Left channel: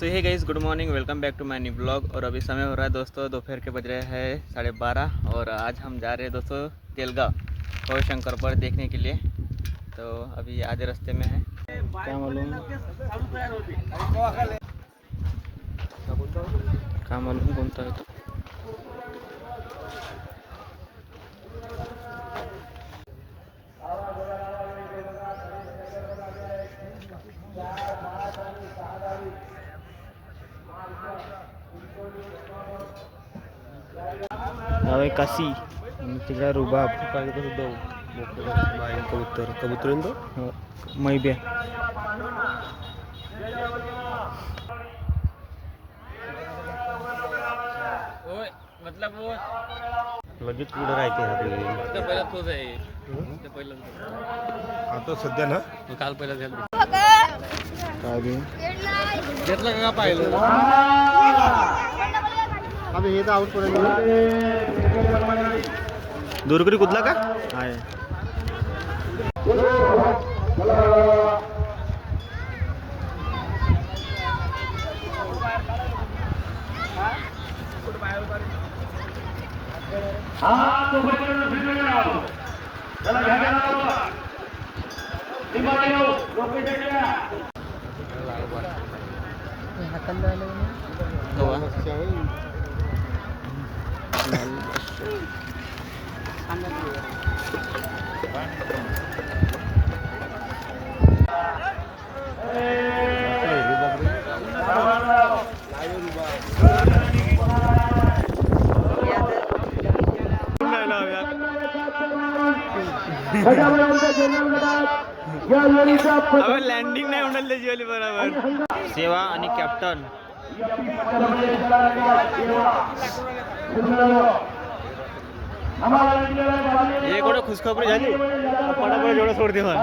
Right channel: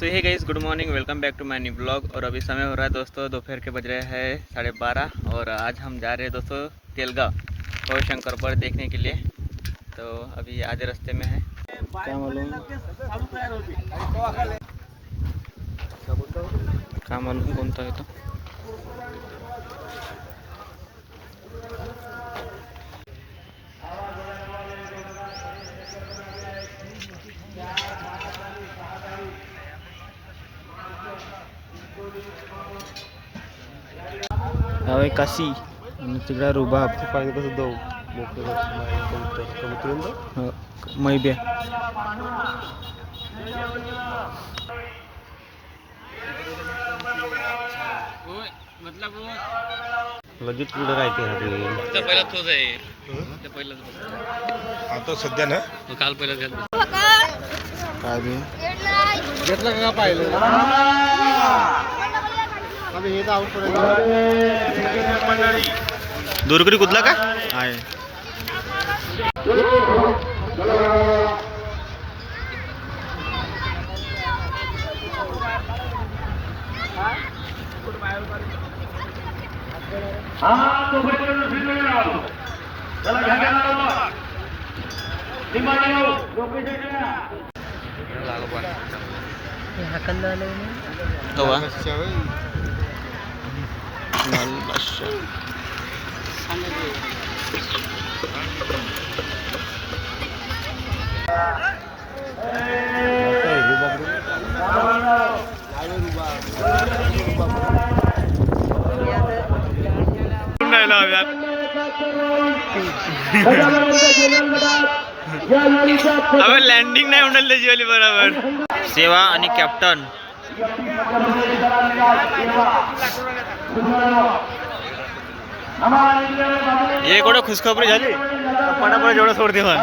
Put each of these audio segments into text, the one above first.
So hey guys, good morning, welcome back to my new blog. और अभी समय हो रहा है दोस्तों, दोपहर के बज रहे हैं 12:30 और आज हम जा रहे हैं दोस्तों तेलगांव गौर शंकर पर देखने के लिए। तो अभी आधे रास्ते में है। क्या मालूम कोणता है तो अवे काशी आणि तिकडे रुबाब पाहिजेपासून जाऊ कबूतर कबूतर मैब्या लगेच पुढे राहते पहिला तोच आहे आता सध्या ना काल पहिला घाल काय बी घेतलं का पाहिलं हे तर आउट पडेल दूरकरी कुदला का आहे अबे लँडिंग नाही होणार त्याची वाली बरोबर सेवा आणि कॅप्टन ये कोण खुशखबरी झाली पटापट जेवढं सोडते मग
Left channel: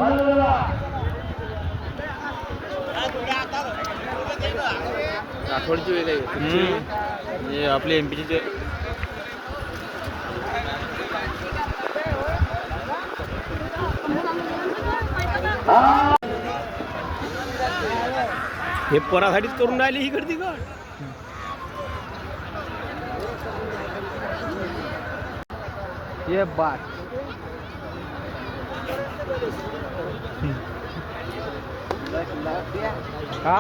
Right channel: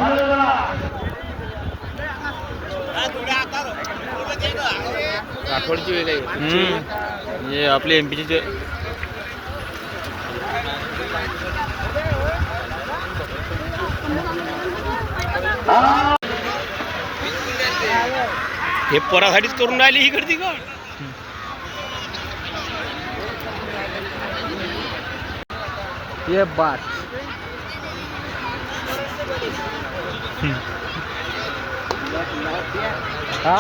ये आपले एमपीचे हे पोरासाठीच करून राहिली ही गर्दी का ये बात हा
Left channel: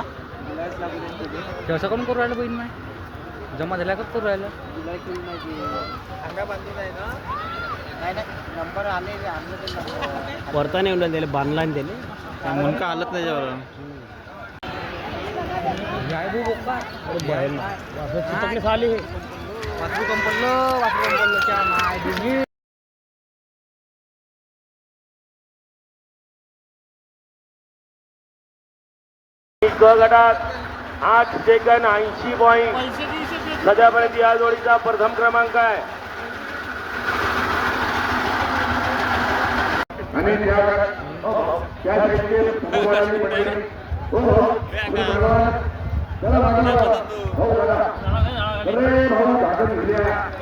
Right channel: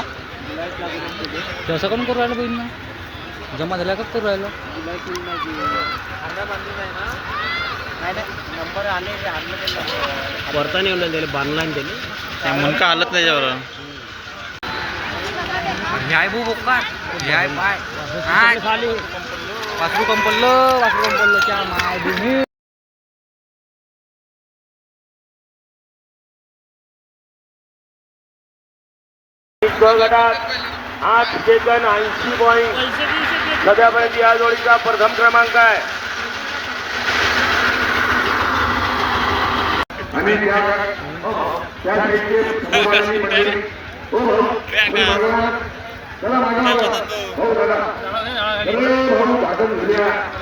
तसं कोण करू राहिलं बहिणी जमा झाल्या का करू राहिलं वरता नाही उलट बांधला आणि दिली त्या मुनका हालत नाही त्याच्यावर न्याय भू बोका न्याय पाय खाली वासरू कंपल्लं क्या माय भूमी गटात 8 सेकंद 80 पॉईंट सध्यापर्यंत या जोडीचा प्रथम क्रमांक आहे.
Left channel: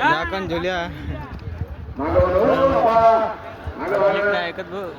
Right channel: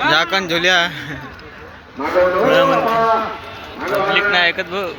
झाकण झुल्या पब्लिक नाही ऐकत भाऊ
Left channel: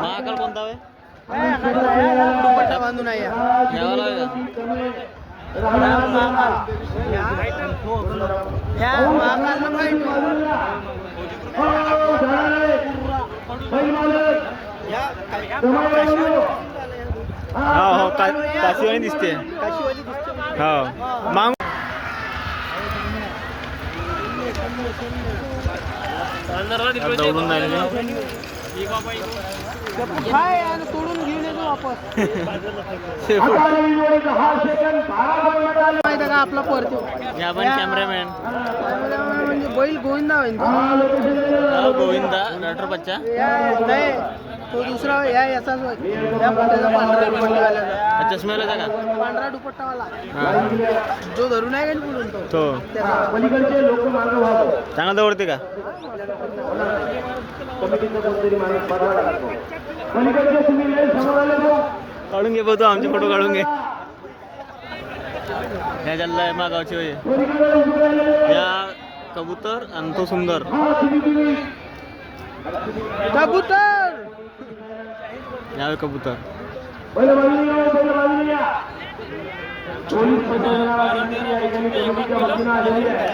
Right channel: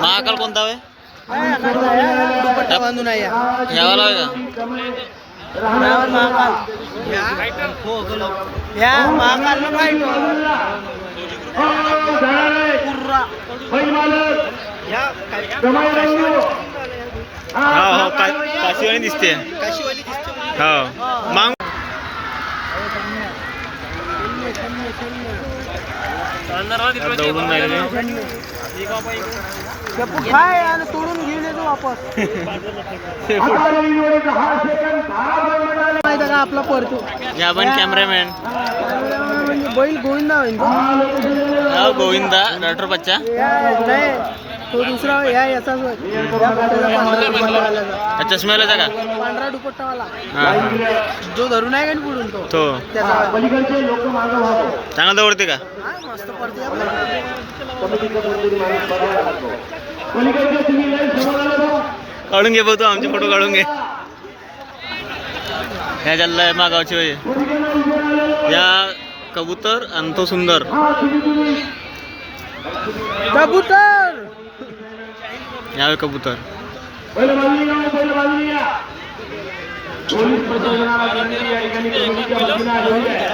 महाकाल कोणता आहे बांधून आहे यावाला आहे का काशीवाणी दिसते हो मांग दौडून राहिले तोडून घेऊन येतो वापस आपला परतो या पण कॅमेरामॅन बैल गोविंदा गोविंदा डॉक्टर बच्चा तो दुसरा याचा चष्म्याला जागा पांढरा दुपट्टावाला हा जो धरून आहे का पुढून तो त्याचा चांगला दौडते का मस्त पडते काढून घे बघतो आमचे फोटो काढून घे ह्या चाललाय मागावची वय या कबूतर आणि तो सुंदर कबूतर यावे कबूतर पोलीस प्रशासनाला विनंती या ठिकाणी कमिटीच्या वतीनं आलेली आहे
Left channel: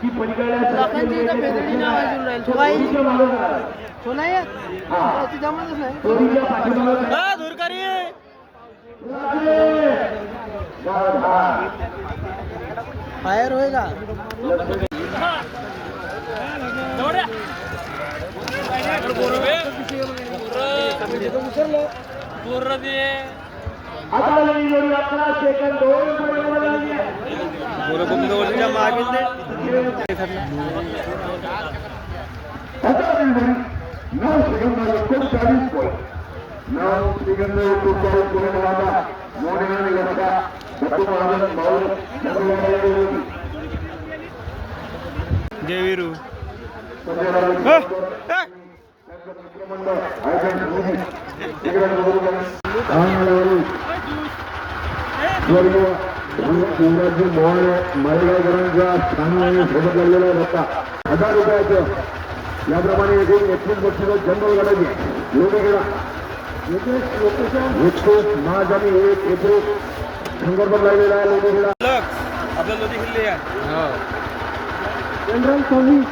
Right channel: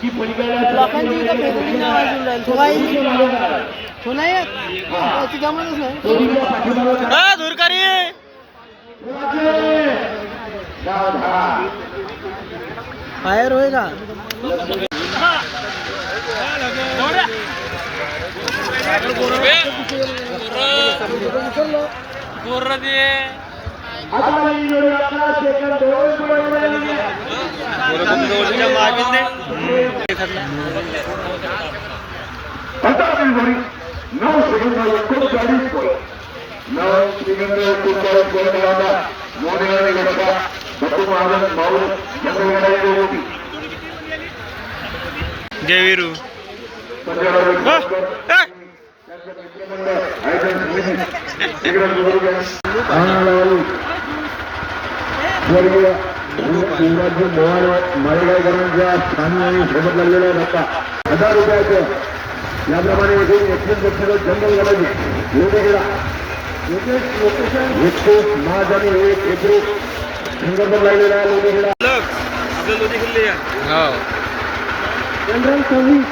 की लोकांची इथं फेदरीची आवाज येऊन राहिली. तो नाही येत. त्याची जमातच नाही. दूरकारी बाहेर होय का जय वीरू माळेगावकरांच्या स्थानाने सोबत लागलेला धक्का 1000 रुपयाचं याप्रमाणे एकूण 31 बक्षिसं जंगल गडाचे लोकेला लोकेशन 31 मार्च आणि 1 एप्रिल संदर्भात लागलेला लोकेला हो जनरल सर्व्हिस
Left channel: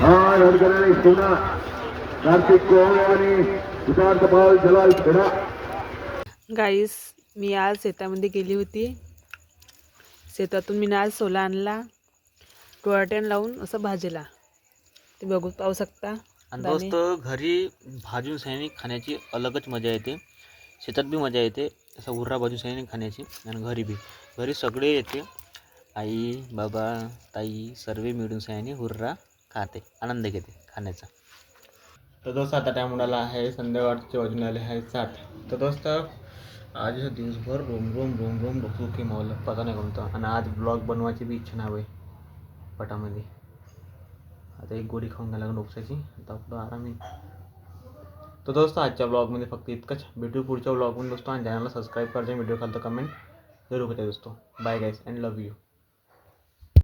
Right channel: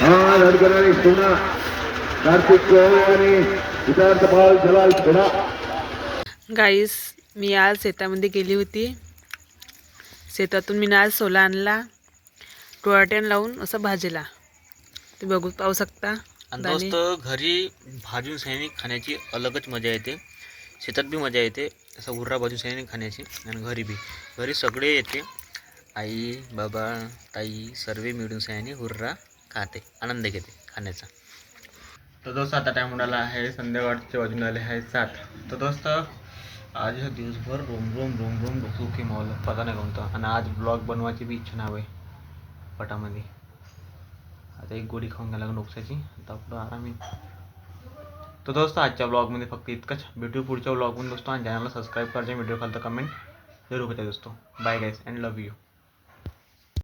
हा लडकणारी सोना कार्तिक कोहली आणि सिद्धार्थ पाल जलाल थोडा गाईस मी आज शेतामध्ये गेली होती. शेतातून मी आज सोला आणला टोळाट्यान लावून असं भाजीला ते पाहू शकता. आणि दोस्त घरी भाजून सैनिक खाण्याची अलगच मजा येते. शेतात बी मजा येते असं हुर्रा भाजून सैनिक खाण्याची आणि घरी सगळे येते. आई बाबा ताई सर्व मिळून सैनिक हुर्रा खाते आनंद घेते खाण्याचा. तर दोस्त आता टाइम उडाला आहे संध्याकाळचे वाजून आले आहे 7. तर दोस्त आज दिवसभर रोम रोम डोकं की मावलं पता नाही कोणतं. आणि आज ब्लॉग बनवायची बी इच्छा नाही पटामध्ये. आता एक गोळी खाऊन घ्यायला डोक्याची आता आपलं आराम आहे. तर दोस्त आजच्या ब्लॉगमध्ये फक्त इतकंच. भेटू पुढच्या ब्लॉगमध्ये दोस्तो आणि चॅनलला सबस्क्राईब करायचे व्हिडिओ खालतं कमेंट जरूर होते दोस्तो. Bye guys and love you.